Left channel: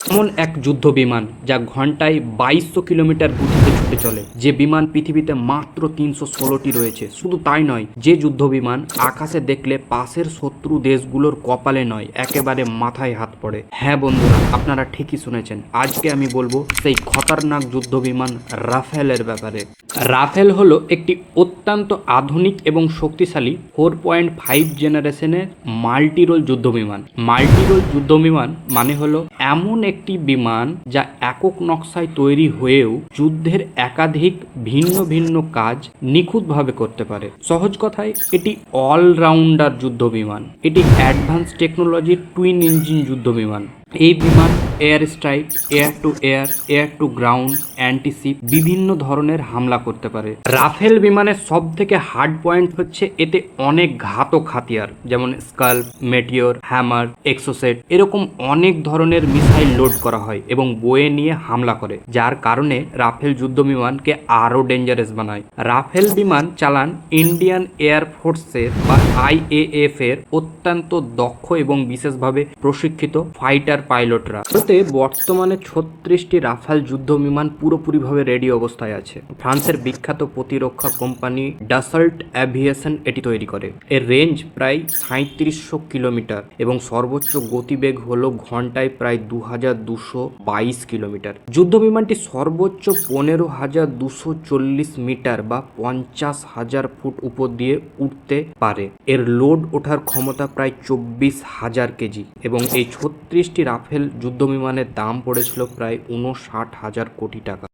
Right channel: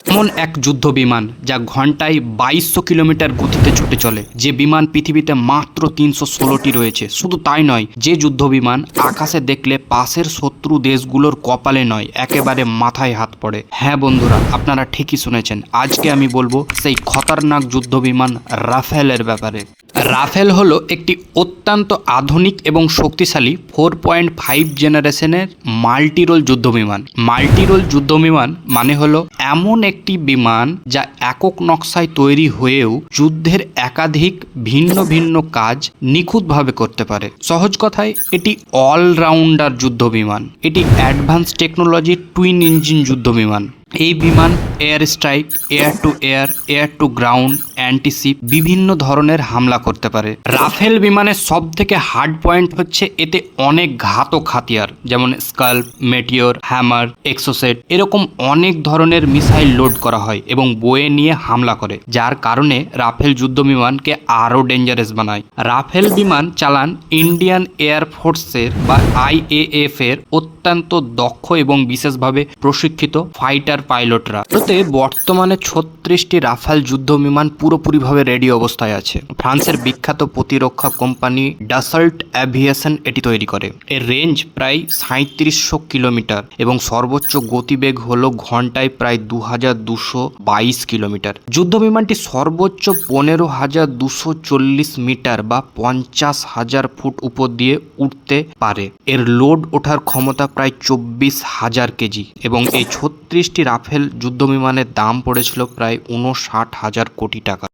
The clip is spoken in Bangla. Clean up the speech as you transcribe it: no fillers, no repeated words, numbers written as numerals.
এমন এক যুদ্ধ বিমান যা ঘন্টায় 2200 কিলোমিটার গতিতে ছুটে চলে। যে বিমান পৃথিবীতে মাত্র 316টি রয়েছে। শুধু তাই নয়, যে যুদ্ধ বিমান আকাশে দেখলে পাশের শত্রু দেশগুলোর কপালে নয়, একেবারে মাথায় হাত পড়ে। হ্যাঁ বন্ধুরা, আপনারা ঠিকই শুনেছেন। আজকে আমি বলবো সেই খতরনাক যুদ্ধ বিমান রাফেলের ব্যাপারে। রাফেল হলো একটি অত্যন্ত আধুনিক এবং শক্তিশালী 4.5 জেনারেশনের মাল্টিরোল যুদ্ধবিমান। মাল্টিরোল যুদ্ধবিমান মানে হলো এমন একটি বিমান যা একক নকশায় তৈরি হয়েও যুদ্ধের একাধিক ভিন্ন ভিন্ন কাজ নিখুঁতভাবে করতে পারে। সহজ কথায় এটি অলরাউন্ডার যুদ্ধবিমান। এটি অ্যাডভান্স টেকনোলজির টুইন ইঞ্জিন যুদ্ধবিমান। এই বিমান air strike, air to air, air to ground, antiship বিভিন্ন ধরনের হামলা করতে পারে। রাফেল বিমানের সব থেকে হার্ড পয়েন্ট হচ্ছে এতে অনেক ঘাতক হাতিয়ার, যেমন স্কাল্প, মেটিওর, হ্যামার, এক্সোসেট এরকম অনেক ধরনের মিসাইল লোড করা হয় এবং বয়ে নিয়ে হামলা করে, যার কারণে রাফেল যুদ্ধ বিমানকে আরও ডেঞ্জারাস বানায়। রাফেল বিমান চালান ইন্ডিয়ান এয়ারফোর্সের বা IAF এর অত্যন্ত দক্ষ এবং বিশেষভাবে প্রশিক্ষিত ফাইটার পাইলটরা। ভারতে বর্তমানে 36টি রাফেল যুদ্ধ বিমান পুরোপুরিভাবে রেডি অবস্থায় আছে। ফ্রান্সের বিখ্যাত প্রতিরক্ষা কোম্পানি ডাসল্ট অ্যাভিয়েশন এটি তৈরি করে। এর রেঞ্জ প্রায় 3700 কিলোমিটার এবং সর্বোচ্চ গতিবেগ হলো ঘন্টায় প্রায় 2222 কিলোমিটার। যুদ্ধ বিমানটি সর্বোচ্চ 15,240 মিটার বা 50,000 ফুট উপর দিয়ে উঠতে পারে। এর লোড ওঠার ক্ষমতা প্রায় 24,000 কেজি এবং এই 36টি রাফেল যুদ্ধ বিমানের দাম পড়েছিল প্রায় 59,000 কোটি টাকা।